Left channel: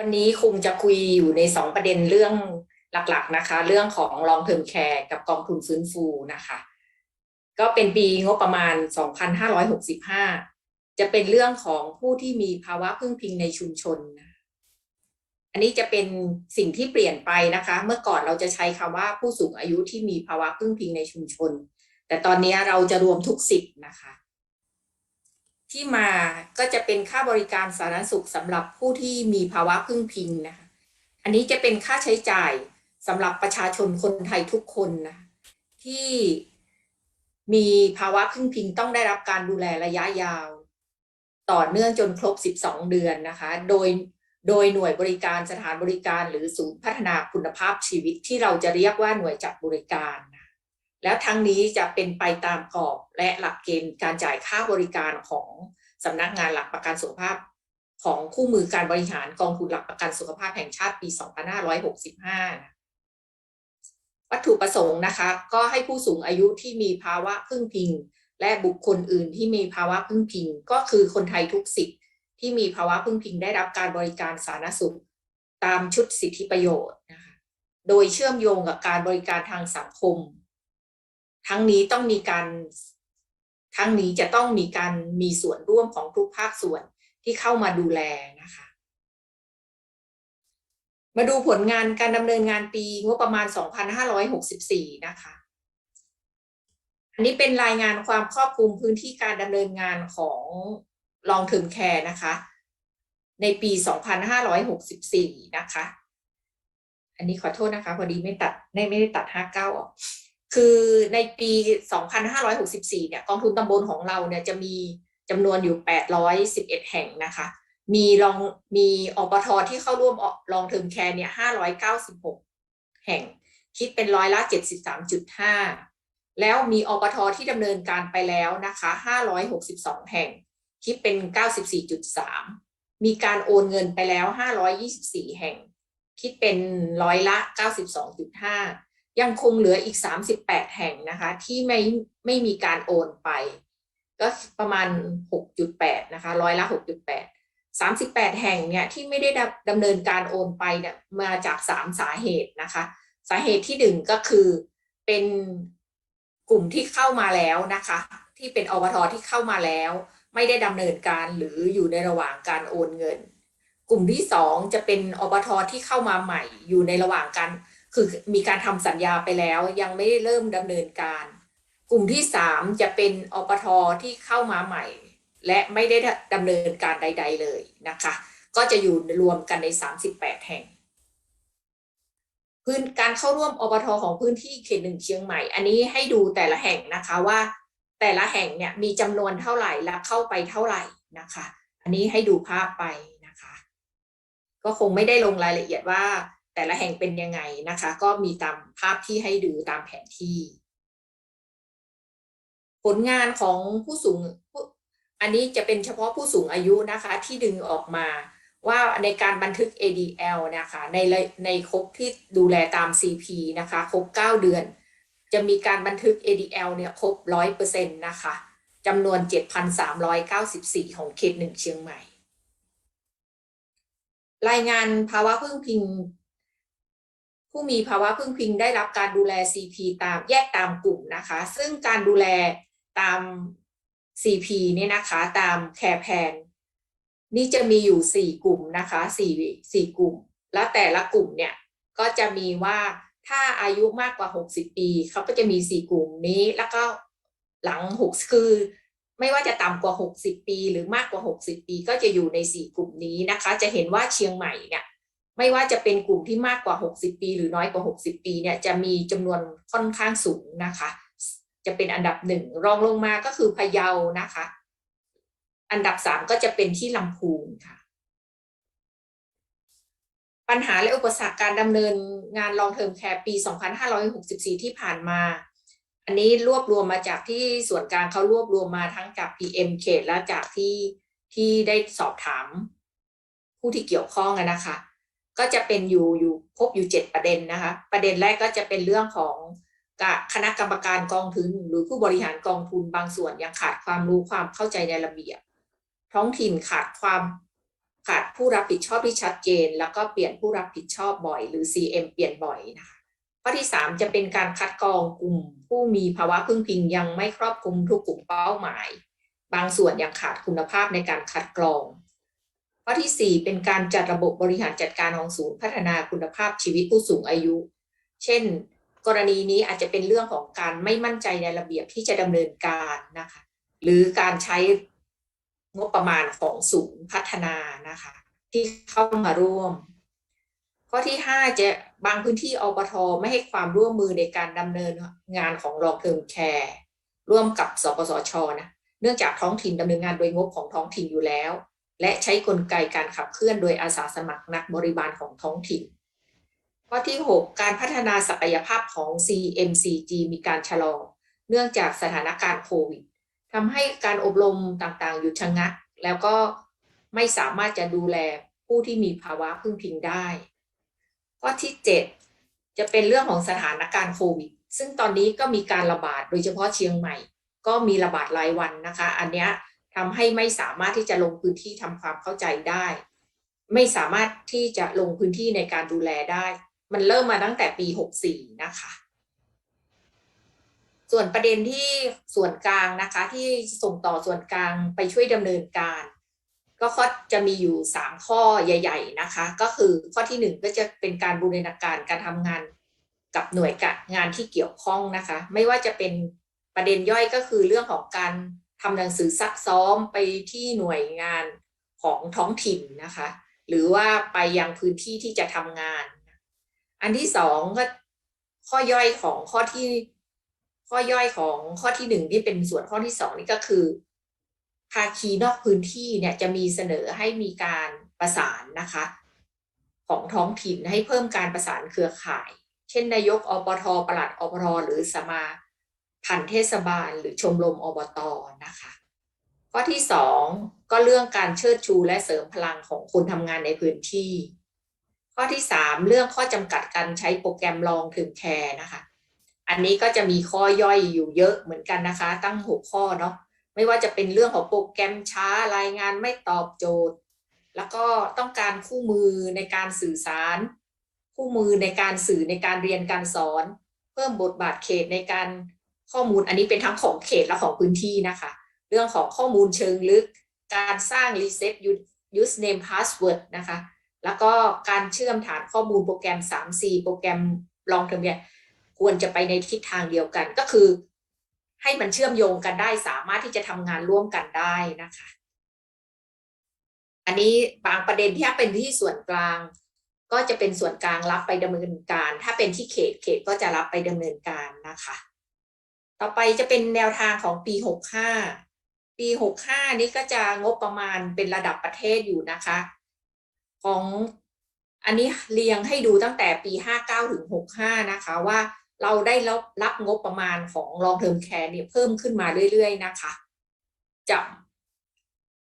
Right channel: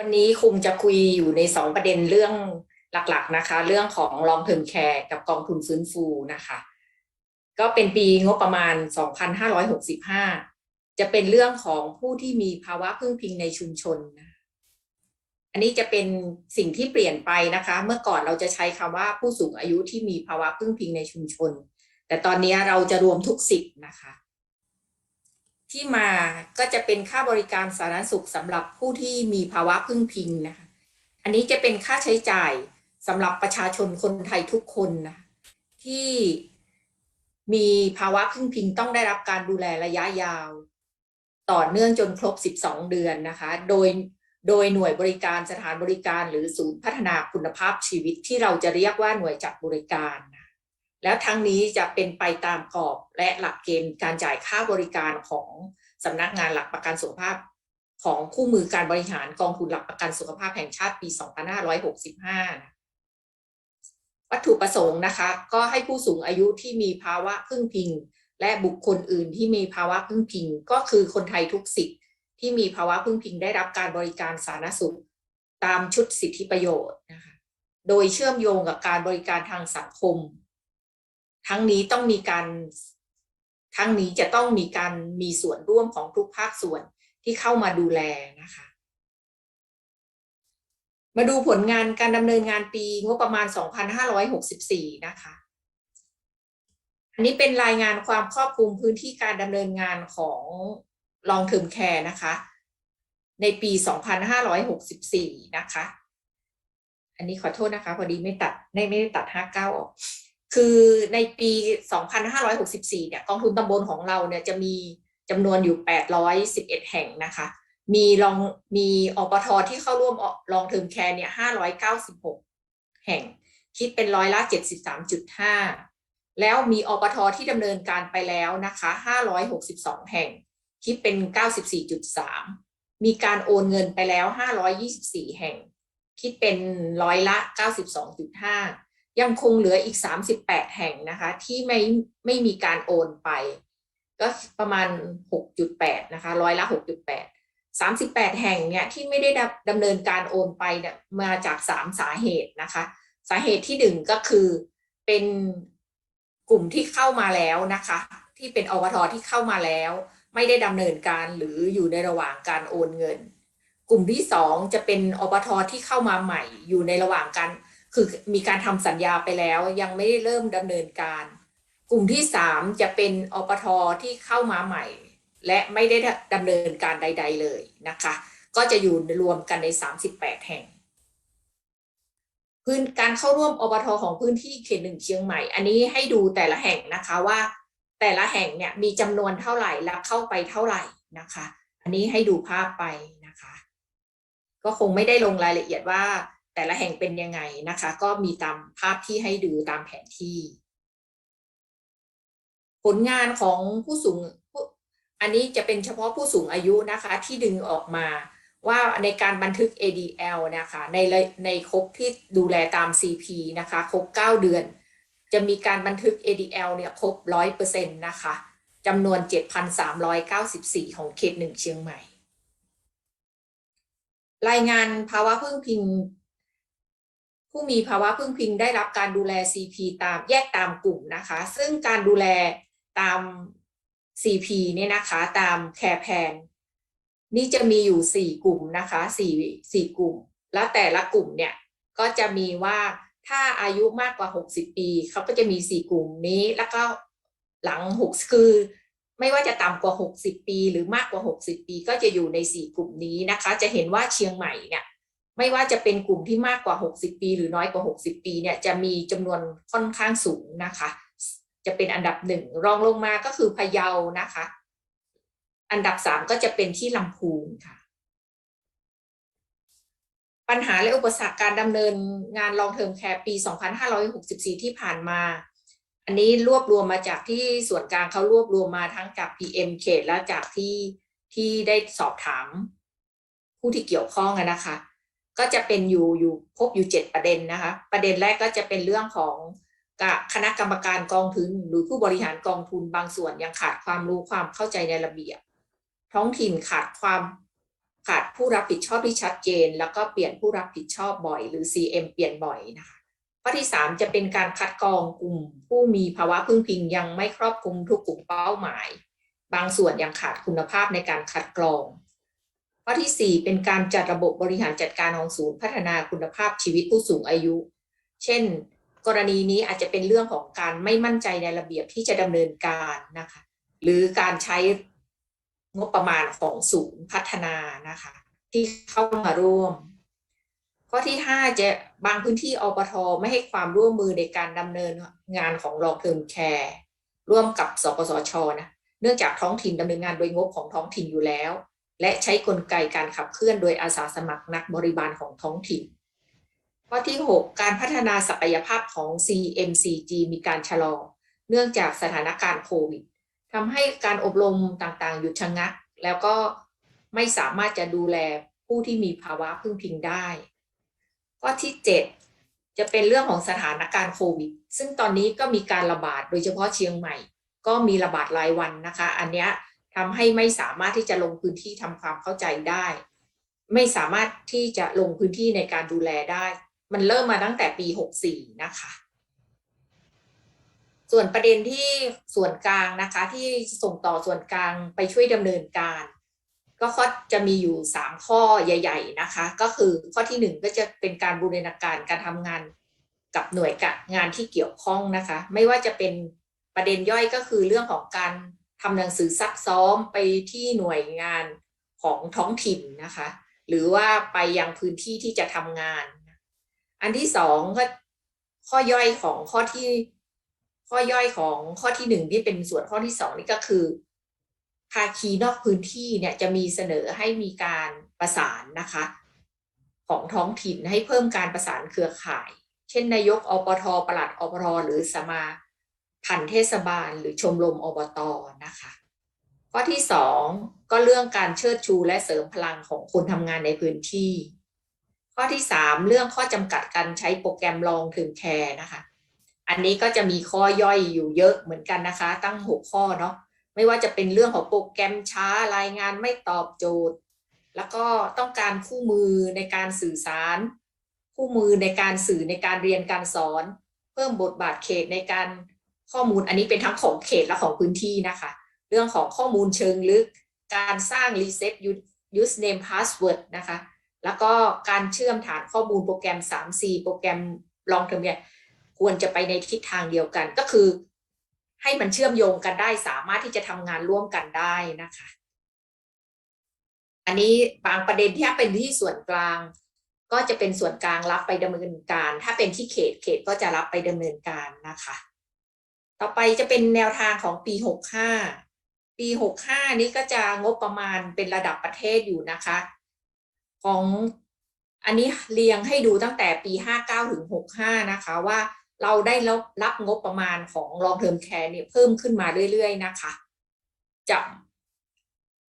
วันนี้คุมจะคุยอยู่ในสองประเด็นเรื่องหลักๆนะคะ เรื่องของ long term care กับกองทุนฟื้นฟูนะคะ ก็เป็นปีงบประมาณ 2565 จะเป็นเรื่องของผู้ที่มีภาวะพึ่งพิงในชุมชน อันนี้จะเป็นสิ่งที่เปลี่ยนไปนะคะ เมื่อก่อนเราจะใช้คำว่าผู้สูงอายุที่มีภาวะพึ่งพิงในชุมชน แต่ตอนนี้เราจะรวมทุกสิทธิ์นะคะ ที่มาก็จะเป็นค่าบริการสาธารณสุขสำหรับผู้ที่มีภาวะพึ่งพิงนะคะ อันนี้จะเป็นค่าใช้จ่ายสำหรับประชาชนคนไทยทุกคนนะที่มีภาวะพึ่งพิงต้องได้รับการดูแลระยะยาว ต่อเนื่องจนครบ 12 เดือนนะคะ โดยโดยหน่วยบริการสถานบริการหรือศูนย์พัฒนาคุณภาพชีวิตที่เราจะเรียกว่าหน่วยจัดบริการนะ แล้วทั้งนี้จะเป็นไปตามกรอบและหลักเกณฑ์การจ่ายค่าบริการของสำนักงานหลักประกันสุขภาพ ของคู่มือการบริหารกองทุนหลักประกันสุขภาพแห่งชาติปี 2565นะวัตถุประสงค์นะคะ ก็ให้ผู้สูงอายุที่มีภาวะพึ่งพิง และบุคคลอื่นที่มีภาวะพึ่งพิง ก็คือคนไทยทุกสิทธิ์ที่มีภาวะพึ่งพิงได้รับการบริการสาธารณสุข ตามชุดสิทธิประโยชน์นะคะโดยเชื่อมโยงกับการบริการทางสังคม ทั้งนี้ต้องมีการทั้งนี้จะต้องมีการมีส่วนร่วมของทุกภาคส่วนที่เข้ามาดูแลนะคะ มาดูผลงานการดำเนินงานปีงบประมาณ 2564 นะคะ อันนี้เป็นรายงานความครอบคลุมพื้นที่การดำเนินงานของลองเทอมแคร์นะคะ ในปี 2564 นะคะ อันนี้ขอโทษนะคะ พอดีไม่ตัดไม่ไม่ได้ตัด 59 ออก คือในปี 2564 เนี่ยกองทุนตำบลของเราเนี่ยจะมีจำนวนอยู่ 811 แห่งนะคะ มีลองมีอปทที่เข้าร่วมลองเทอมแคร์เนี่ย 596 แห่ง คิดเป็นร้อยละ 73.5 แล้วมีอปทที่ดำเนินการไปแล้วนะคะ 562 แห่ง คิดเป็น 94.3 มีการโอนเงินไปแล้ว 524 แห่ง คิดเป็นร้อยละ 92.5 ยังคงเหลืออีก 38 แห่งนะคะที่ไม่ไม่มีการโอนไป ก็ประมาณ 6.8 นะคะร้อยละ 6.8 38 แห่งเนี่ยที่ไม่ได้ดำเนินการโอนไปเนี่ยมาจาก 3 สาเหตุนะคะ สาเหตุที่ 1 ก็คือเป็นกลุ่มที่เข้ามาแล้วนะคะ ที่เป็นอบทที่เข้ามาแล้ว ไม่ได้ดำเนินการหรืออยู่ในระหว่างการโอนเงิน กลุ่มที่ 2 จะเป็นอบทที่เข้ามาใหม่ อยู่ในระหว่างการ คือมีการทำสัญญาไปแล้วยังไม่ได้เริ่มดำเนินการ กลุ่มที่ 3 จะเป็นอปทที่เข้ามาใหม่ และไม่ได้ดำเนินการใด ๆ เลยนะคะ ก็จะอยู่รวมกันใน 38 แห่ง พื้นการเข้าร่วมอปทของพื้นที่เขตหนึ่งเชียงใหม่ อันนี้ให้ดูแต่ละแห่งนะคะว่า แต่ละแห่งเนี่ยมีจำนวนเท่าไหร่และเข้าไปเท่าไหร่นะคะ อันนี้ให้ดูภาพไปนะคะ ก็คงไม่ได้ลงรายละเอียดว่า แต่ละแห่งเป็นยังไงนะคะ ก็มีตามภาพที่ให้ดูตามแผนที่ ผลงานของผู้สูง อันนี้จะเป็นเฉพาะผู้สูงอายุนะคะ ที่ดึงออกมาว่าในการบันทึก ADL นะคะในในครบที่ดูแลตาม CP นะคะครบ 9 เดือน จะมีการบันทึก ADL เนี่ยครบ 100%นะคะจำนวน 7,394 ของเขตหนึ่งเชียงใหม่ รายงานภาวะพึ่งพิง ผู้มีภาวะพึ่งพิงได้รับการดูแล CP ตามแยกตามกลุ่มนะคะ ซึ่งการดูแลตาม CP เนี่ยนะคะตามแคร์แพนนี่จะมีอยู่ 4 กลุ่มนะคะ4 4กลุ่ม แล้วแต่ละกลุ่มเนี่ยก็จะมีว่าถ้าอายุมากกว่า 60 ปีเขาก็จะมี 4 กลุ่มนี้ แล้วก็หลัง 6 คือ ไม่ว่าจะต่ำกว่า 60 ปี หรือมากกว่า 60 ปี ก็จะอยู่ใน 4 กลุ่มนี้นะคะ จะเห็นว่าเชียงใหม่เนี่ย ไม่ว่าจะเป็นกลุ่มที่มากกว่า 60 ปี หรือน้อยกว่า 60 ปีเนี่ยจะมีจำนวนค่อนข้างสูงนะคะ จะเป็นอันดับหนึ่งรองลงมาก็คือพะเยานะคะ อันดับสามก็จะเป็นที่ลำพูนค่ะ ปัญหาและอุปสรรคการดำเนินงานลองเทอมแคร์ปี 2564 ที่ผ่านมาอันนี้รวบรวมมาจากที่ส่วนกลางเขารวบรวมมาทั้งจาก PM เขตและจากที่ที่ได้สอบถามผู้ที่เกี่ยวข้องนะคะ ก็จะเป็นอยู่อยู่พบอยู่เจ็ดประเด็นนะคะ ประเด็นแรกก็จะเป็นเรื่องของคณะกรรมการกองทุน หรือผู้บริหารกองทุนบางส่วนยังขาดความรู้ความเข้าใจในระเบียบ ท้องถิ่นขาดความขาดผู้รับผิดชอบที่ชัดเจน แล้วก็เปลี่ยนผู้รับผิดชอบบ่อย หรือ CM เปลี่ยนบ่อยนะคะข้อที่ 3 จะเป็นการคัดกรองกลุ่ม ผู้มีภาวะพึ่งพิงยังไม่ครอบคลุมทุกกลุ่มเป้าหมาย บางส่วนยังขาดคุณภาพในการคัดกรอง ข้อที่ 4 เป็นการจัดระบบบริหารจัดการของศูนย์พัฒนาคุณภาพชีวิตผู้สูงอายุ เช่น กรณีนี้อาจจะเป็นเรื่องของการไม่มั่นใจในระเบียบที่จะดำเนินการนะคะ หรือการใช้งบประมาณของศูนย์พัฒนานะคะ ที่เข้ามาร่วม ข้อที่ 5 จะบางพื้นที่อปทไม่ให้ความร่วมมือในการดำเนินงานของรองเทอมแคร์ร่วมกับสปสชนะเนื่องจากท้องถิ่นดำเนินงานโดยงบของท้องถิ่นอยู่แล้ว และใช้กลไกการขับเคลื่อนโดยอาสาสมัครนักบริบาลของท้องถิ่น ข้อที่ 6 การพัฒนาศักยภาพของ CMCG มีการชะลอ เนื่องจากสถานการณ์โควิดทำให้การอบรมต่างๆ หยุดชะงัก แล้วก็ไม่สามารถจะดูแลผู้ที่มีภาวะพึ่งพิงได้ ข้อที่ 7 จะเป็นเรื่องของสถานการณ์โควิด ซึ่งตอนนี้ก็มีการระบาดโดยเฉพาะเชียงใหม่ ก็มีระบาดรายวันนะคะ อันเนี้ย ทำให้ไม่สามารถที่จะลงพื้นที่ทำความเข้าใจได้ ไม่สามารถที่จะลงพื้นที่ในการดูแลได้ มันเริ่มมาตั้งแต่ปี 64 นะคะ ส่วนประเด็นที่ส่วนกลางนะคะ ที่ส่งต่อส่วนกลางไปช่วยดำเนินการ ก็ข้อจะมีอยู่ 3 ข้อใหญ่ ๆนะคะ ก็คือข้อที่ 1 ก็จะเป็นการบูรณาการการทำงานกับหน่วยงานที่เกี่ยวข้องนะคะ ไม่ว่าจะเป็นประเด็นย่อยก็คือเรื่องของการ ทำหนังสือซักซ้อมไปที่หน่วยงานของท้องถิ่นนะคะ หรือว่าไปยังพื้นที่ที่จะทำงาน อันที่สองก็ข้อย่อยของข้อที่ข้อย่อยของข้อที่หนึ่งที่เป็นส่วนข้อที่สองนี่ก็คือภาคีนอกพื้นที่เนี่ยจะมีเสนอให้มีการประสานนะคะ ของท้องถิ่นให้เพิ่มการประสานเครือข่าย เช่นนายกอปทปลัดอปทหรือสมา พันเทศบาล หรือชมรมอบตนะคะ ข้อที่สองก็เรื่องการเชิดชูและเสริมพลังของคนทำงานในพื้นที่ ข้อที่สามเรื่องข้อจำกัดการใช้โปรแกรมลองถึงแคร์นะคะ อันนี้ก็จะมีข้อย่อยอยู่เยอะเหมือนกันนะคะ ตั้งหกข้อเนาะไม่ว่าจะเป็นเรื่องของโปรแกรมช้ารายงานไม่ตอบโจทย์ แล้วก็ต้องการคู่มือในการสื่อสาร คู่มือในการสื่อในการเรียนการสอน เพิ่มบทบาทเขตในการ ข้อมูลอันนี้เป็นทั้งของเขตและของพื้นที่นะคะ เรื่องของข้อมูลเชิงลึก การสร้าง reset username password นะคะ แล้วก็การเชื่อมฐานข้อมูลโปรแกรม 3C โปรแกรมลองเทอมเนี่ยควรจะไปในทิศทางเดียวกันก็คือ ให้มันเชื่อมโยงกันได้สามารถที่จะทำงานร่วมกันได้นะคะ อันนี้บางประเด็นที่เป็นที่ส่วนกลาง ก็จะเป็นส่วนกลางรับไปดำเนินการ ถ้าเป็นที่เขตเขตก็จะรับไปดำเนินการนะคะ ต่อไปจะเป็นแนวทางของปี 65 ปี 65 นี้ก็จะงบประมาณเป็นระดับประเทศอยู่นะคะ ของอันนี้เรียงให้ดูตั้งแต่ปี 59 ถึง 65 นะคะว่าเราได้รับรับงบประมาณของ long term care เนี่ยเพิ่มขึ้นมาเรื่อยๆนะคะจะ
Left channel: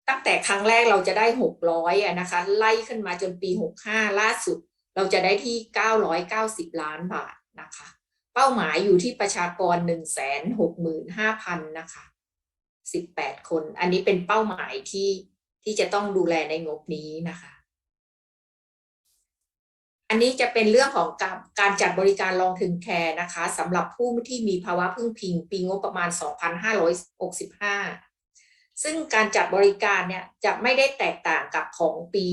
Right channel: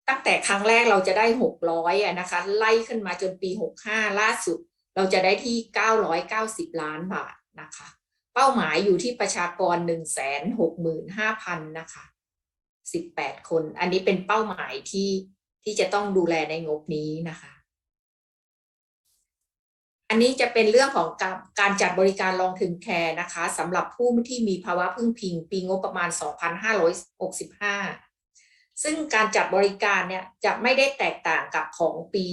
ตั้งแต่ครั้งแรกเราจะได้ 600อะนะคะ ไล่ขึ้นมาจนปี 65 ล่าสุด เราจะได้ที่ 990 ล้านบาทนะคะ เป้าหมายอยู่ที่ประชากรหนึ่งแสนหกหมื่นห้าพันนะคะสิบแปดคน อันนี้เป็นเป้าหมายที่ที่จะต้องดูแลในงบนี้นะคะ อันนี้จะเป็นเรื่องของการการจัดบริการลองถึงแคร์นะคะสำหรับผู้ที่มีภาวะพึ่งพิง ปีงบประมาณ 2565 ซึ่งการจัดบริการเนี่ยจะไม่ได้แตกต่างกับของปี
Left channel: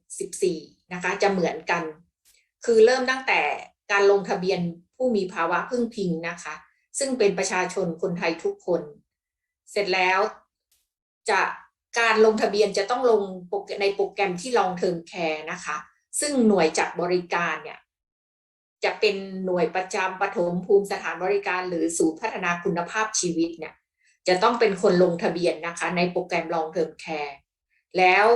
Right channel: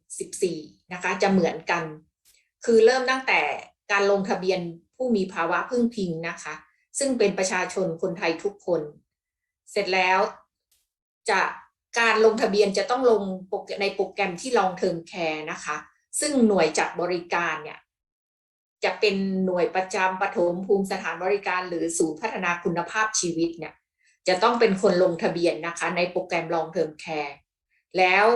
2564 นะคะ จะเหมือนกัน คือเริ่มตั้งแต่ การลงทะเบียนผู้มีภาวะพึ่งพิงนะคะ ซึ่งเป็นประชาชนคนไทยทุกคน เสร็จแล้วจะการลงทะเบียนจะต้องลงในโปรแกรมที่ลองเทอมแคร์นะคะ ซึ่งหน่วยจัดบริการเนี่ยจะเป็นหน่วยประจำปฐมภูมิสถานบริการ หรือศูนย์พัฒนาคุณภาพชีวิตเนี่ยจะต้องเป็นคนลงทะเบียนนะคะ ในโปรแกรมลองเทอมแคร์แล้ว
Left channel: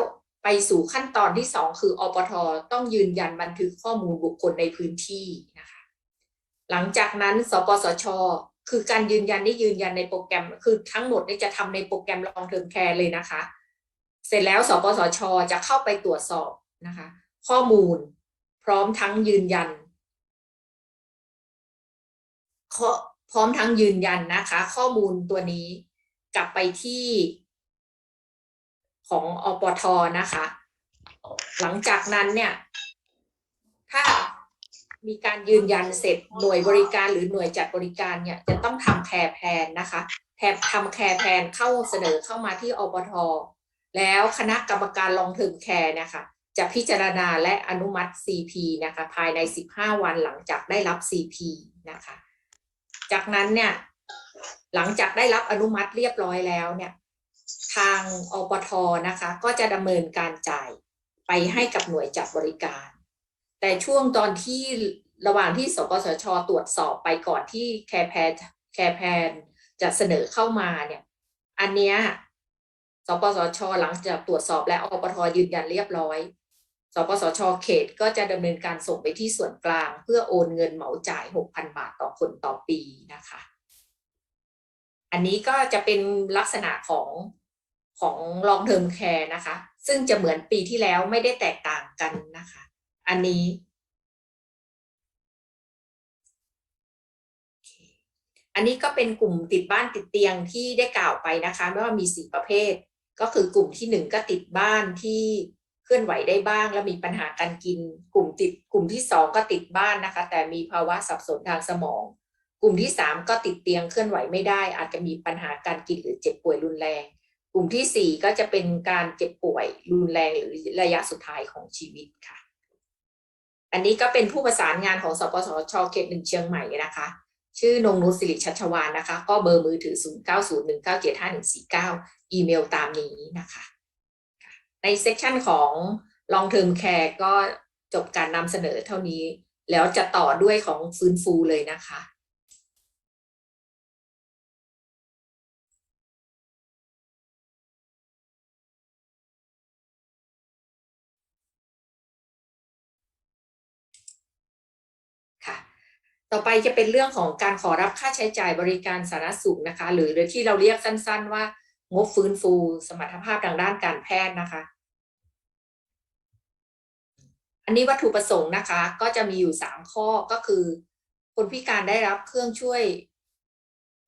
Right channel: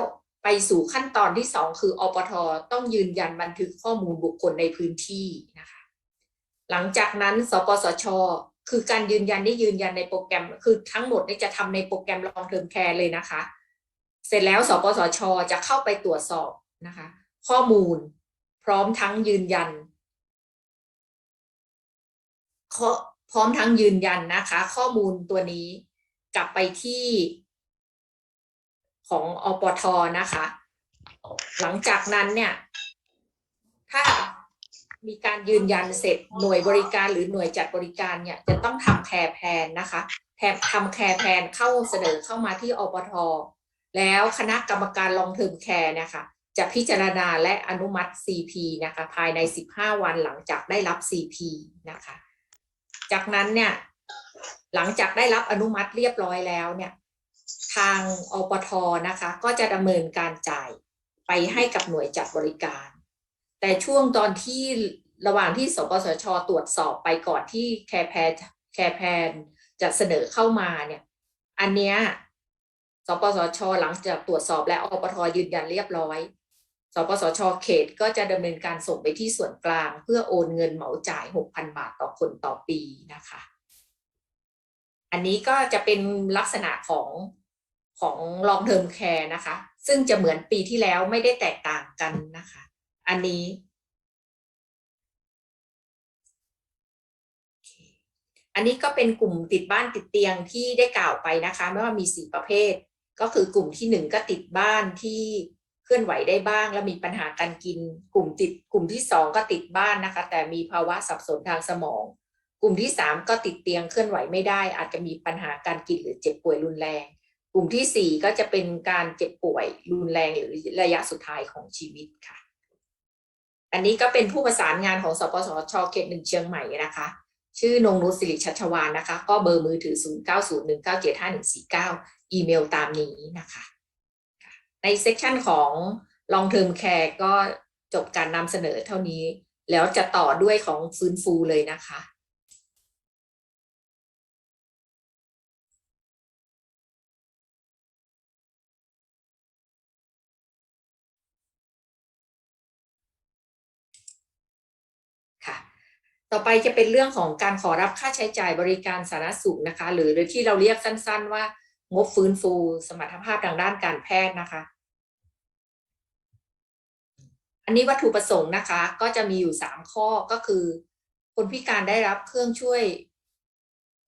ไปสู่ขั้นตอนที่สองคืออปทต้องยืนยันบันทึกข้อมูลบุคคลในพื้นที่นะคะหลังจากนั้นสปสช คือการยืนยันที่ยืนยันในโปรแกรม คือทั้งหมดนี่จะทำในโปรแกรมลองเทอมแคร์เลยนะคะ เสร็จแล้วสปสช จะเข้าไปตรวจสอบนะคะ ข้อมูลพร้อมทั้งยืนยันพร้อมทั้งยืนยันนะคะ ข้อมูลตัวนี้กลับไปที่ ของอปทนะคะ หลังจากนั้นเนี่ย ถ้ามีการยืนยันเสร็จหน่วยบริการหรือหน่วยจัดบริการเนี่ยจะต้องทำแคร์แพนนะคะแททำแคร์แพนเข้าเสนอเข้ามาที่อปทแล้วคณะกรรมการลองเทอมแคร์นะคะจะพิจารณาและอนุมัติ CP นะคะภายใน 15 วันหลังจากได้รับ CP นะคะ จากนั้นเนี่ยหลังจากได้รับอนุมัติเรียบร้อยแล้วเนี่ย ทางอปทนะคะ ก็จะดำเนินการจ่ายไปให้กับหน่วยจัดบริการ แต่ช่วงตอนที่ระหว่างที่สปสช ตรวจสอบไปก่อนที่แคร์แพนแคร์แพนจะเสนอเข้ามาเนี่ย อันเนี้ยสปสช หลังจากตรวจสอบและอปทยืนยันเรียบร้อยสปสช เขตก็จะดำเนินการส่งไปที่ส่วนกลาง เพื่อโอนเงินเหมาจ่าย 6,000 บาทต่อคนต่อปีนะคะ อันนี้ก็จะเป็นลักษณะของ ของ long term care นะคะ ซึ่งจะเหมือนปีที่แล้วไม่ได้แตกต่างกันนะคะ อันนี้อันนี้ก็เป็นกลุ่มติดบ้านติดเตียงที่ได้กล่าวไปนะคะไม่ว่ามีสี่ประเภท ก็คือกลุ่มที่หนึ่งก็ติดบ้านที่เคลื่อนไหวได้บ้าง แล้วมีปัญหาการกิน กลุ่มติดกลุ่มที่สองก็ติดบ้านนะคะ แต่มีภาวะสับสนทางสมอง กลุ่มที่สามก็ติดเตียงเคลื่อนไหวไม่ได้ อาจจะมีปัญหาการกินหรือเจ็บป่วยรุนแรง กลุ่มที่สี่ก็จะเป็นการเจ็บป่วยรุนแรงหรือระยะสุดท้ายของชีวิตค่ะ อันนี้ก็เป็นผู้ประสานงานของสปสชเขตหนึ่งเชียงใหม่นะคะ ชื่อนงนุชสิริชัชวานนะคะ ก็เบอร์มือถือ 0 9 0 1 9 7 5 1 4 9 อีเมลตามนี้นะคะ ในเซสชันของ long term care ก็จบการนำเสนอเท่านี้ แล้วจะต่อด้วยของฟื้นฟูเลยนะคะ ต่อไปจะเป็นเรื่องของการขอรับค่าใช้จ่ายบริการสาธารณสุขนะคะ หรือที่เราเรียกสั้น ๆ ว่างบฟื้นฟูสมรรถภาพทางด้านการแพทย์นะคะ อันนี้วัตถุประสงค์นะคะ ก็จะมีอยู่สามข้อก็คือ คนพิการได้รับเครื่องช่วย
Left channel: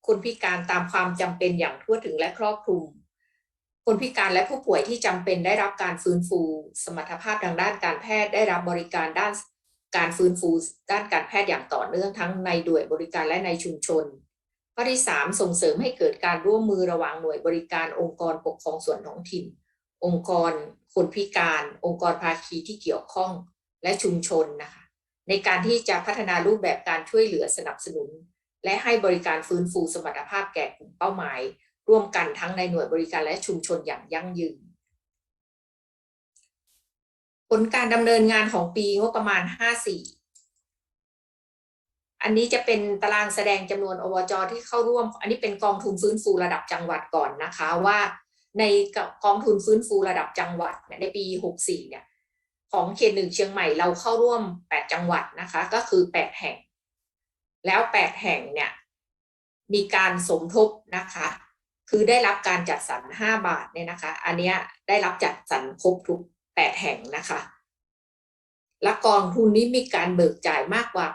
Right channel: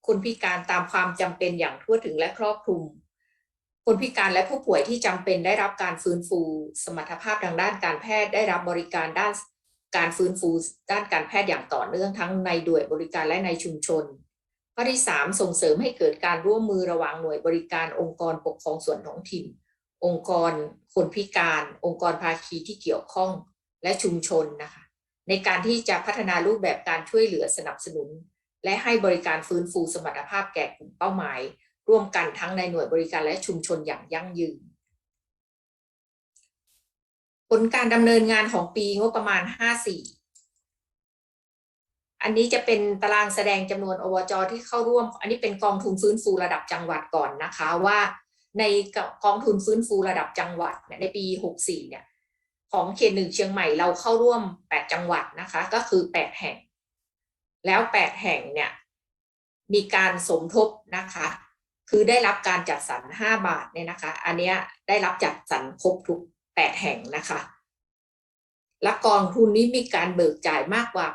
คนพิการตามความจำเป็นอย่างทั่วถึงและครอบคลุม คนพิการและผู้ป่วยที่จำเป็นได้รับการฟื้นฟู สมรรถภาพทางด้านการแพทย์ได้รับบริการด้าน การฟื้นฟูด้านการแพทย์อย่างต่อเนื่องทั้งในด่วยบริการและในชุมชนข้อที่ 3 ส่งเสริมให้เกิดการร่วมมือระหว่างหน่วยบริการองค์กรปกครองส่วนท้องถิ่น องค์กร คนพิการ องค์กรภาคีที่เกี่ยวข้องและชุมชนนะคะในการที่จะพัฒนารูปแบบการช่วยเหลือสนับสนุน และให้บริการฟื้นฟูสมรรถภาพแก่กลุ่มเป้าหมาย ร่วมกันทั้งในหน่วยบริการและชุมชนอย่างยั่งยืน ลการดำเนินงานของปีงบประมาณ 54 อันนี้จะเป็นตารางแสดงจำนวนอวจที่เข้าร่วม อันนี้เป็นกองทุนฟื้นฟูระดับจังหวัดก่อนนะคะว่าในกองทุนฟื้นฟูระดับจังหวัดในปี 64 เนี่ยของเขตหนึ่งเชียงใหม่เราเข้าร่วม 8 จังหวัดนะคะ ก็คือ 8 แห่ง แล้ว 8 แห่งเนี่ยมีการสมทบนะคะ คือได้รับการจัดสรร 5 บาทเนี่ยนะคะ อันเนี้ยได้รับจัดสรรครบทุก 8 แห่งนะคะและกองทุนนี้มีการเบิกจ่ายมากกว่า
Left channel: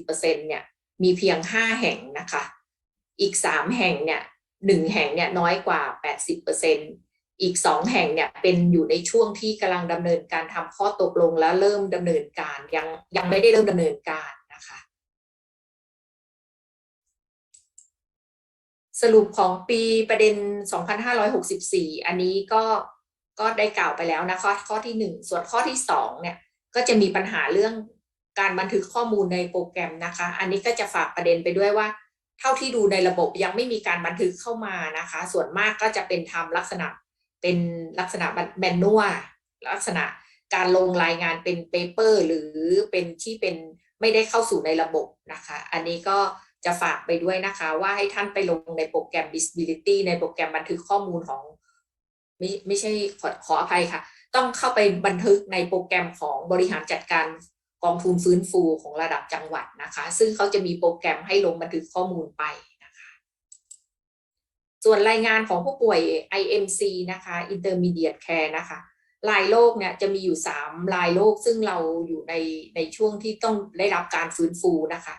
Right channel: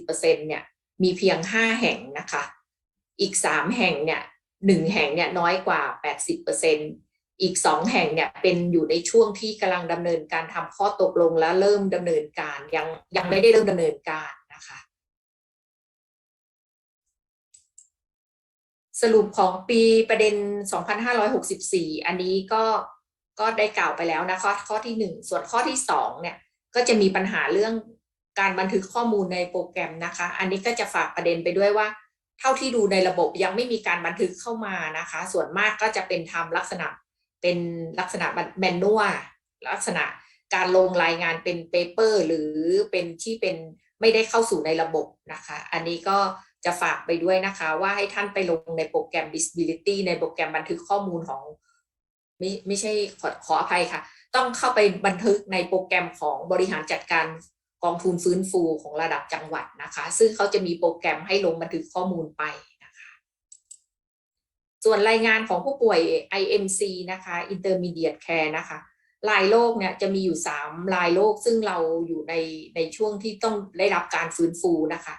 80%เนี่ยมีเพียง 5 แห่งนะคะ อีก 3 แห่งเนี่ยหนึ่งแห่งเนี่ยน้อยกว่า 80%อีก 2 แห่งเนี่ยเป็นอยู่ในช่วงที่กำลังดำเนินการทำข้อตกลงและเริ่มดำเนินการยังยังไม่ได้เริ่มดำเนินการนะคะ สรุปของปีประเด็น 2564 อันนี้ก็ ก็ได้กล่าวไปแล้วนะคะข้อที่ 1 ส่วนข้อที่2เนี่ยก็จะมีปัญหาเรื่องการบันทึกข้อมูลในโปรแกรมนะคะ อันนี้ก็จะฝากประเด็นไปด้วยว่า เท่าที่ดูในระบบยังไม่มีการบันทึกเข้ามานะคะ ส่วนมากก็จะเป็นทำลักษณะเป็นลักษณะแมนนวลลักษณะการลงรายงานเป็นเปเปอร์หรือเป็นที่เป็นไม่ได้เข้าสู่ในระบบนะคะ อันนี้ก็จะฝากไปด้วยนะคะ ว่าให้ท่านไปลงในโปรแกรม disability ในโปรแกรมบันทึกข้อมูลของ ไม่ไม่ใช่ขอขออภัยค่ะ ต้องเข้าไปบันทึกในโปรแกรมของบริหารจัดการกองทุนฟื้นฟูของระดับจังหวัดนะคะ ซึ่งเขาจะมีโปรแกรมให้ลงบันทึกข้อมูลไปนะคะ ส่วนรายงานของผู้ป่วย IMC นะคะ Intermediate Care นะคะรายโรคเนี่ยจะมีอยู่3รายโรคซึ่งเราอยู่ในในช่วงที่ต้องได้รับการฟื้นฟูนะคะ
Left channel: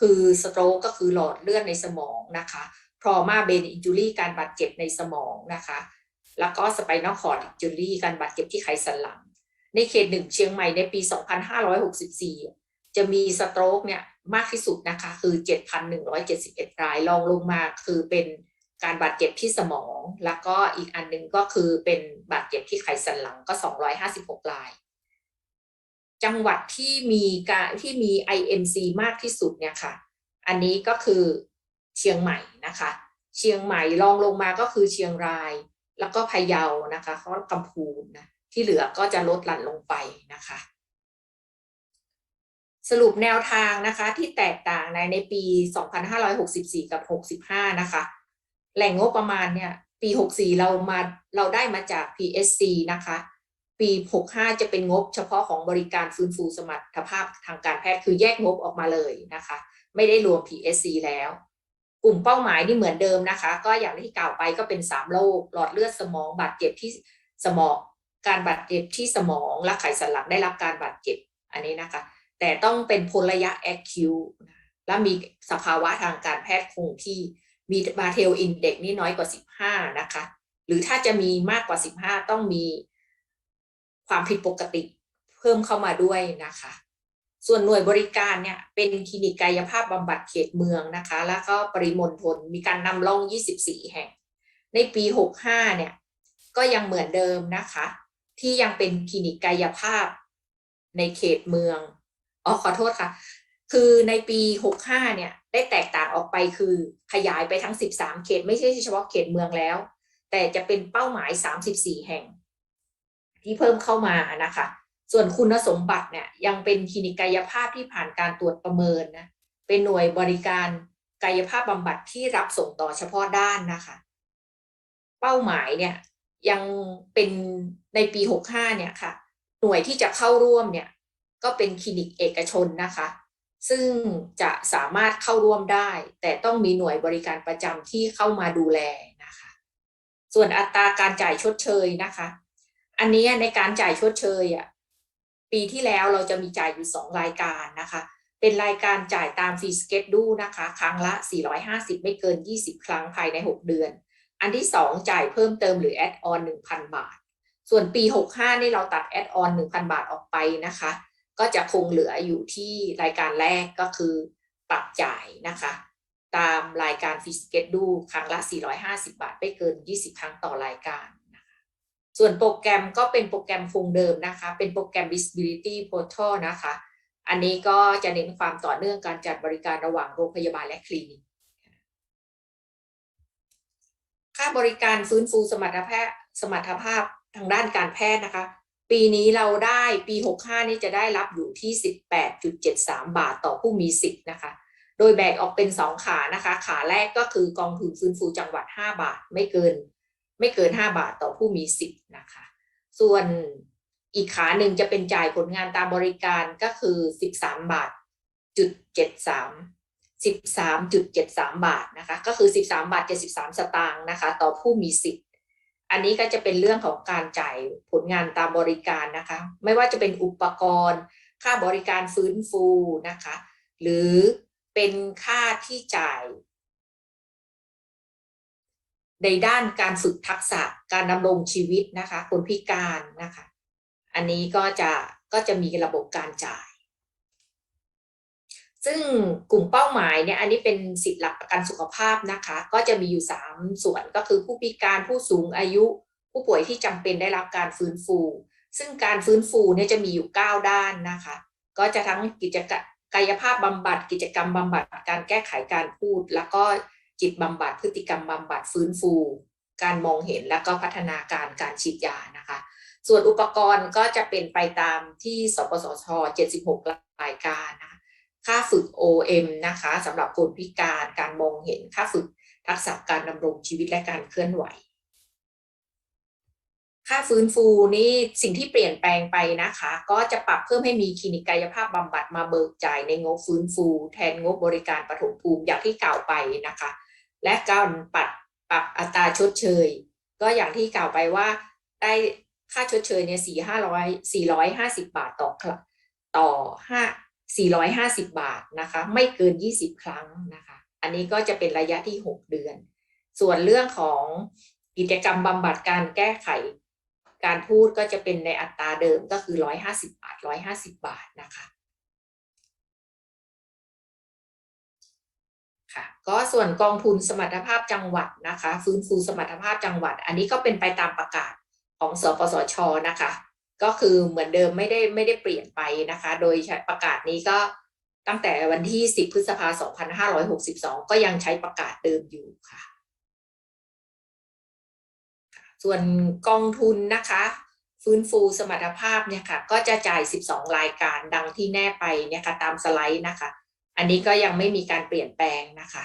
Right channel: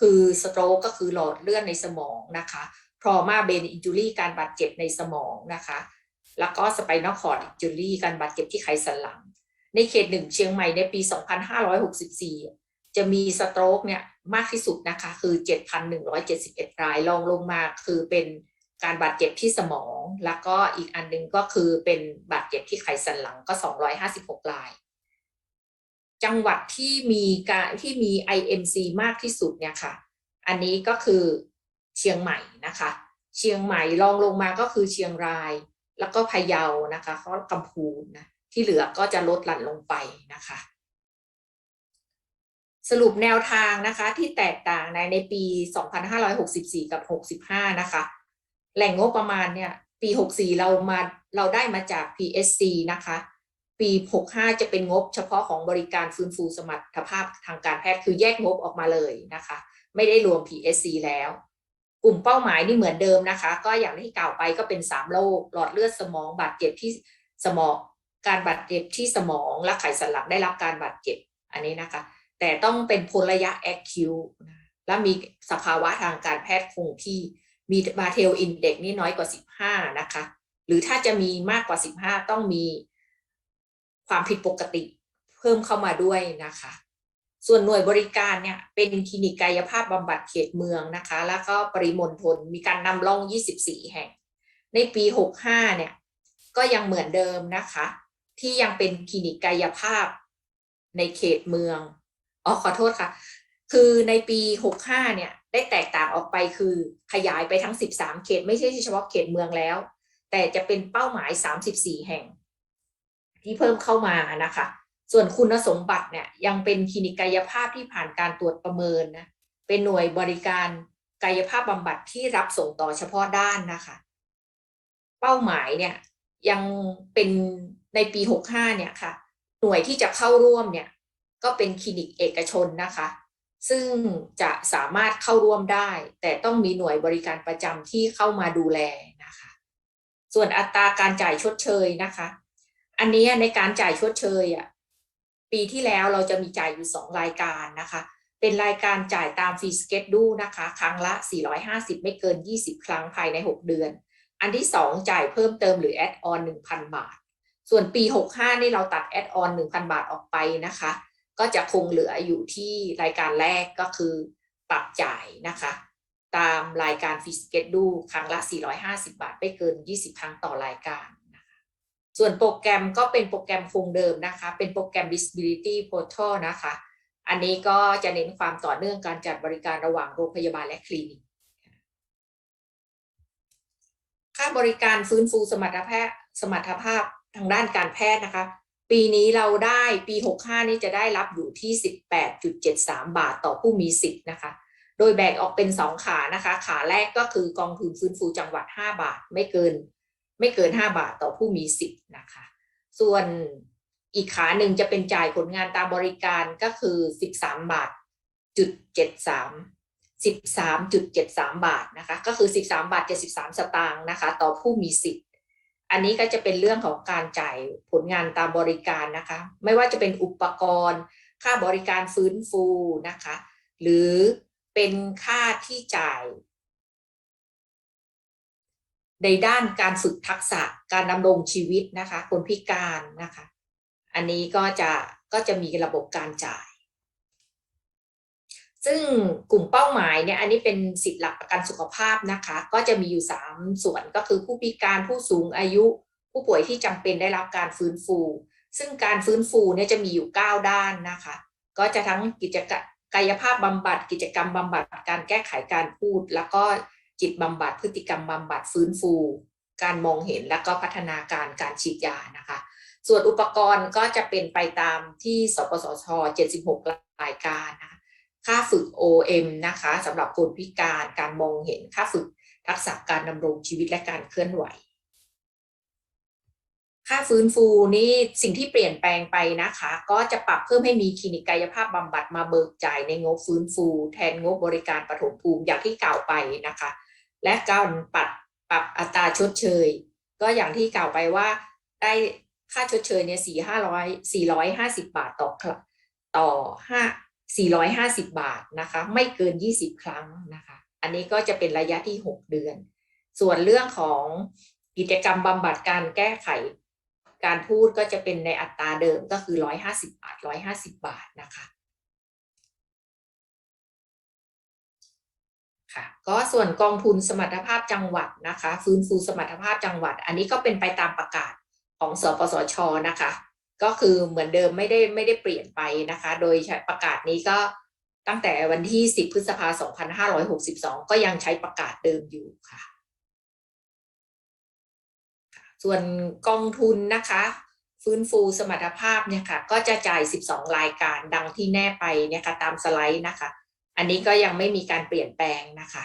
คือสโตรกก็คือหลอดเลือดในสมองนะคะ trauma brain injury การบาดเจ็บในสมองนะคะ แล้วก็สไปนอลคอร์ดจูลี่การบาดเจ็บที่ไขสันหลัง ในเขตหนึ่งเชียงใหม่ในปี 2564 จะมีสโตรกเนี่ยมากที่สุดนะคะคือ 7,171 รายรองลงมาคือเป็นการบาดเจ็บที่สมอง แล้วก็อีกอันหนึงก็คือเป็นบาดเจ็บที่ไขสันหลังก็ 256 ราย จังหวัดที่มีการที่มี IMC มากที่สุดเนี่ยค่ะ อันนี้ก็คือเชียงใหม่นะคะ เชียงใหม่รองลงมาก็คือเชียงราย แล้วก็พะเยานะคะเขากำพูนนะที่เหลือก็จะลดหลั่นลงไปนะคะ สรุปแนวทางนะคะที่แตกต่างในในปี 2564 กับ 65 นะคะ แหล่งงบประมาณเนี่ยปี 64 เรามาเราได้มาจาก PSC นะคะ ปี 65 จะเป็นงบเฉพาะของบริการฟื้นฟูสมรรถภาพทางการแพทย์คือแยกงบออกมาเลยนะคะ ไม่ได้รวม PSC แล้ว กลุ่มเป้าหมายนี่เหมือนเดิมนะคะ ก็อย่างที่กล่าวไปก็เป็น 3 โรคหลอดเลือดสมองบาดเจ็บที่สมอง การบาดเจ็บที่สมองและไขสันหลังได้รับการบาดเจ็บอันนี้นะคะ แต่ต้องเป็นพ้นระยะ acute และมีสภาวะทางการแพทย์คงที่มีบาเทลอินเด็กนี่น้อยกว่า 15 นะคะ หรือถ้าจะมีมากกว่า 15 ต้องมีความผิดปกติเพิ่มเข้ามาด้วยนะคะ ส่วนหน่วยบริการเนี่ยเป็นคลินิกกายภาพบำบัดเขตเมืองนะคะ แล้วก็ปริมณฑลมีการนำร่อง 24 แห่ง ในปี 65 เนี่ยก็ยังเหมือนเดิมนะคะ ที่ยังเป็นคลินิกกายภาพในเขตเมืองอ๋อขอโทษค่ะ คือในปี 65 เนี่ยได้แตกต่างออกไปคือขยายไปทั้ง 13 เขต ไม่ใช่เฉพาะเขตเมืองแล้ว แต่จะเป็นเป้าหมาย 34 แห่ง ที่เพิ่มเข้ามานะคะ ส่วนคุณสมบัติเนี่ยยังเป็นคลินิกกายภาพที่ผ่านการตรวจประเมินนะเป็นหน่วยบริการกายภาพบำบัดที่รับส่งต่อเฉพาะด้านนะคะ เป้าหมายเนี่ยยังเป็นในปี 65 เนี่ยค่ะ หน่วยที่จะเข้าร่วมเนี่ยก็เป็นคลินิกเอกชนนะคะ ซึ่งจะสามารถเข้าร่วมได้ แต่ต้องมีหน่วยบริการประจำที่เข้ามาดูแลนะคะ ส่วนอัตราการจ่ายชดเชยนะคะ อันนี้ในการจ่ายชดเชยอะ ปีที่แล้วเราจะมีจ่ายอยู่สองรายการนะคะ เป็นรายการจ่ายตามฟรีสเกตดูนะคะ ครั้งละ 450 ไม่เกิน 20 ครั้งภายใน 6 เดือน อันที่ 2 จ่ายเพิ่มเติมหรือแอดออน1,000 บาท ส่วนปี 65 นี่เราตัดแอดออน1,000 บาทออกไปนะคะ ก็จะคงเหลืออยู่ที่รายการแรกก็คือปรับจ่ายนะคะ ตามรายการฟรีสเกตดูครั้งละ 450 บาท ไม่เกิน 20 ครั้งต่อรายการ ส่วนโปรแกรมก็เป็นโปรแกรมคงเดิมนะคะ เป็นโปรแกรม Visibility Portal นะคะ อันนี้ก็จะเน้นความต่อเนื่องการจัดบริการระหว่างโรงพยาบาลและคลินิก ค่าบริการฟื้นฟูสมรรถภาพสมรรถภาพทางด้านการแพทย์นะคะ ปีนี้เราได้ปี 65 นี้จะได้รับอยู่ที่ 18.73 บาทต่อผู้มีสิทธิ์นะคะ โดยแบ่งออกเป็น 2 ขานะคะ ขาแรกก็คือกองทุนฟื้นฟูจังหวัด 5 บาทไม่เกิน ไม่เกิน 5 บาทต่อผู้มีสิทธิ์นะคะ ส่วนอีกขาหนึ่งจะเป็นจ่ายผลงานตามบริการก็คือ 13 บาทจุด73 13.73 บาทนะคะก็คือ 13 บาท 73 สตางค์นะคะต่อผู้มีสิทธิ์ อันนี้ก็จะเป็นเรื่องของการจ่ายผลงานตามบริการนะคะ ไม่ว่าจะเป็นอุปกรณ์ ค่าบริการฟื้นฟูนะคะ หรือเป็นค่าที่จ่าย ในด้านการฝึกทักษะการดำรงชีวิตนะคะ คนพิการนะคะ อันนี้ก็จะก็จะมีระบบการจ่าย ซึ่งกลุ่มเป้าหมายเนี่ยอันนี้เป็นสิทธิหลักประกันสุขภาพนะคะ ก็จะมีอยู่ 3 ส่วนก็คือผู้พิการผู้สูงอายุ ผู้ป่วยที่จำเป็นได้รับการฟื้นฟู ซึ่งการฟื้นฟูเนี่ยจะมีอยู่ 9 ด้านนะคะ ก็จะทั้งกิจกรรมกายภาพบำบัด กิจกรรมบำบัดการแก้ไขการพูด แล้วก็ จิตบำบัดพฤติกรรมบำบัดฟื้นฟู การมองเห็นแล้วก็พัฒนาการการฉีดยานะคะ ส่วนอุปกรณ์ก็จะเป็นไปตามที่สปสช 76 รายการนะคะค่าฝึก OM นะคะสำหรับคนพิการการมองเห็นค่าฝึกทักษะการดำรงชีวิตและการเคลื่อนไหว ค่าฟื้นฟูนี่สิ่งที่เปลี่ยนแปลงไปนะคะ ก็จะปรับเพิ่มให้มีคลินิกกายภาพบำบัดมาเบิกจ่ายในงบฟื้นฟู แทนงบบริการปฐมภูมิอย่างที่กล่าวไปนะคะ และการปรับปรับอัตราชดเชย ก็อย่างที่กล่าวไปว่าได้ค่าชดเชยเนี่ยสี่ห้าร้อยสี่ร้อยห้าสิบบาทต่อครั้งต่อห้าสี่ร้อยห้าสิบบาทนะคะ ไม่เกินยี่สิบครั้งนะคะ อันนี้ก็จะเป็นระยะที่หกเดือน ส่วนเรื่องของกิจกรรมบำบัดการแก้ไข การพูดก็จะเป็นในอัตราเดิมก็คือร้อยห้าสิบาทร้อยห้าสิบาทนะคะ ก็ส่วนกองทุนสมรรถภาพจังหวัดนะคะ ฟื้นฟูสมรรถภาพจังหวัด อันนี้ก็เป็นไปตามประกาศของสปสชนะคะ ก็คือเหมือนเดิมไม่ได้ไม่ได้เปลี่ยนไปนะคะ โดยใช้ประกาศนี้ก็ตั้งแต่วันที่ 10 พฤษภาคม2562 ก็ยังใช้ประกาศเดิมอยู่ค่ะ ส่วนกองทุนนะคะ ฟื้นฟูสมรรถภาพเนี่ยค่ะ ก็จะจ่าย 12 รายการดังที่แน่ไปเนี่ยค่ะตามสไลด์นะคะ อันนี้ก็ยังไม่มีการเปลี่ยนแปลงนะคะ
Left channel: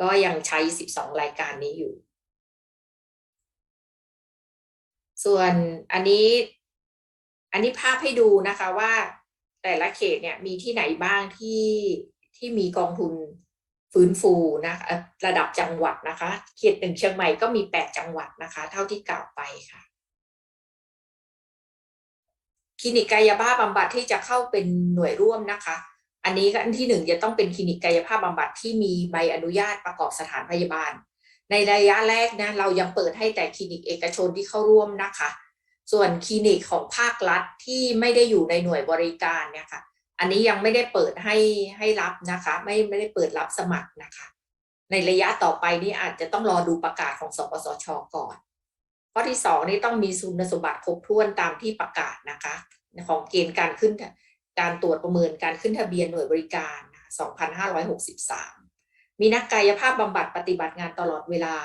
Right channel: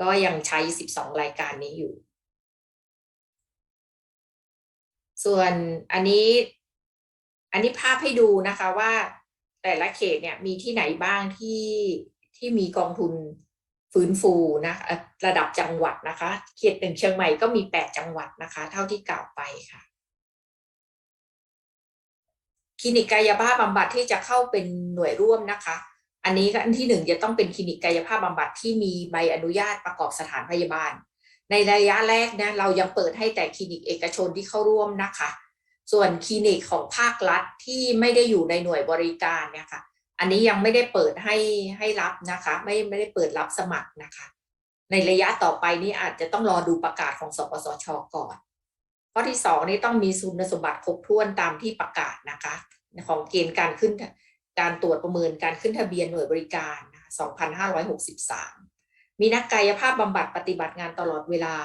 ก็ยังใช้ 12 รายการนี้อยู่ ส่วนอันนี้อันนี้ภาพให้ดูนะคะว่าแต่ละเขตเนี่ยมีที่ไหนบ้างที่ที่มีกองทุนฟื้นฟูนะคะระดับจังหวัดนะคะ เขตหนึ่งเชียงใหม่ก็มีแปดจังหวัดนะคะ เท่าที่กล่าวไปค่ะคลินิกกายภาพบำบัดที่จะเข้าเป็นหน่วยร่วมนะคะ อันนี้อันที่หนึ่งจะต้องเป็นคลินิกกายภาพบำบัดที่มีใบอนุญาตประกอบสถานพยาบาล ในระยะแรกนะเรายังเปิดให้แต่คลินิกเอกชนที่เข้าร่วมนะคะ ส่วนคลินิกของภาครัฐที่ไม่ได้อยู่ในหน่วยบริการเนี่ยค่ะ อันนี้ยังไม่ได้เปิดให้ให้รับนะคะ ไม่ไม่ได้เปิดรับสมัครนะคะ ในระยะต่อไปนี้อาจจะต้องรอดูประกาศของสปสชก่อนข้อที่สองนี่ต้องมีคุณสมบัติครบถ้วนตามที่ประกาศนะคะ ของเกณฑ์การขึ้น การตรวจประเมินการขึ้นทะเบียนหน่วยบริการ 2563 มีนักกายภาพบำบัดปฏิบัติงานตลอดเวลา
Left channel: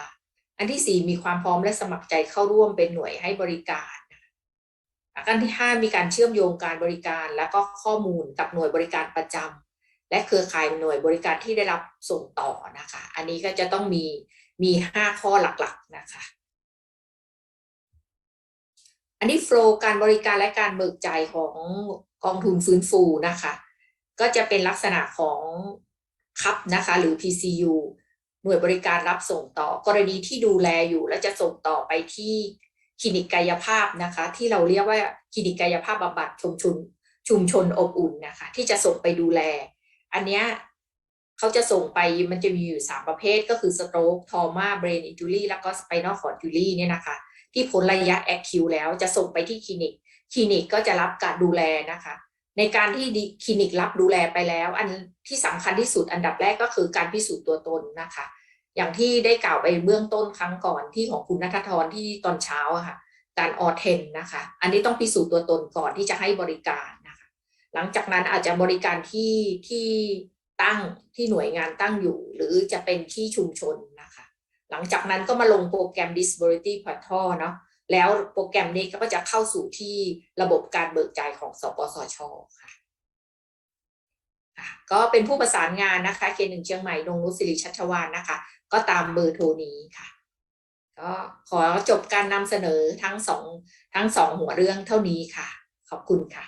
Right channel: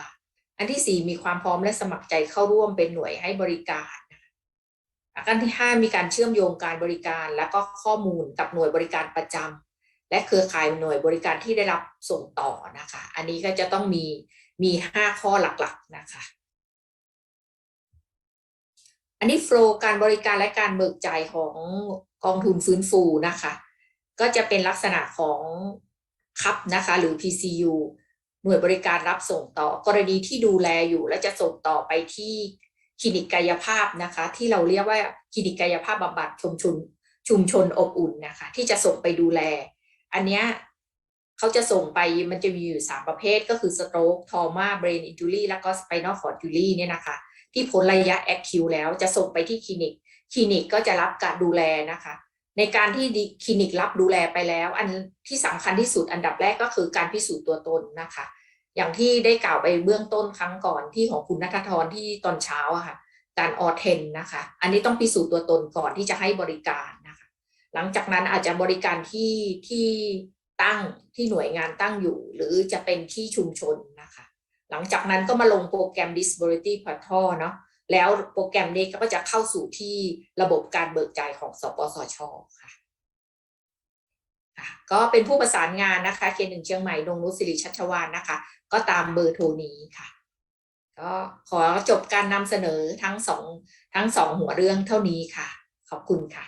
อันที่ 4 มีความพร้อมและสมัครใจเข้าร่วมเป็นหน่วยให้บริการอันที่ 5 มีการเชื่อมโยงการบริการและก็ข้อมูลกับหน่วยบริการประจำและเครือข่ายหน่วยบริการที่ได้รับส่งต่อนะคะ อันนี้ก็จะต้องมีมี 5 ข้อหลักๆนะคะ อันนี้โฟล์การบริการและการเบิกจ่ายของ กองทุนฟื้นฟูนะคะ ก็จะเป็นลักษณะของคับนะคะหรือ PCU หน่วยบริการรับส่งต่อ กรณีที่ดูแลอยู่และจะส่งต่อไปที่คลินิกกายภาพนะคะ ที่เราเรียกว่าคลินิกกายภาพบำบัดชุมชนชุมชนอบอุ่นนะคะ ที่จะส่งไปดูแล อันเนี้ยเขาจะส่งไปมันจะมีอยู่สามประเภทก็คือสโตรกทอมาเบรนอินจูรี่แล้วก็สไปนอลคอร์ดจูรี่เนี่ยนะคะ ที่พ้นระยะแอคคิวแล้วจะส่งไปที่คลินิก คลินิกก็จะรับการดูแลนะคะ ในการที่คลินิกรับดูแลไปแล้ว อันที่สำคัญที่สุดอันดับแรกก็คือการพิสูจน์ตัวตนนะคะ อย่างที่ได้กล่าวไปเบื้องต้นครั้งก่อนที่ของคุณนัทธรที่ตอนเช้าอะค่ะ การออเทนนะคะ อันนี้ต้องพิสูจน์ตัวตนก่อนที่จะให้บริการนะคะ หลังจากนั้นอาจจะบริการที่ที่ตั้งที่หน่วยงานตั้งอยู่ หรือจะเป็นที่ชุมชนนะคะ หลังจากนั้นก็มาลงโปรแกรม disability portal เนาะ แล้วโปรแกรมนี้ก็จะเข้าสู่ที่ระบบการเบิกจ่ายของสปสชค่ะก็เป็นผู้ประสานงานนะคะเคหนึ่งเชียงใหม่ดงรุสิริชัชวานนะคะ ก็ตามเบอร์โทรนี้ค่ะ ก็ขอจบการนำเสนอทั้งสองทั้งสองหัวเรื่องเท่านี้ค่ะ ขอบคุณค่ะ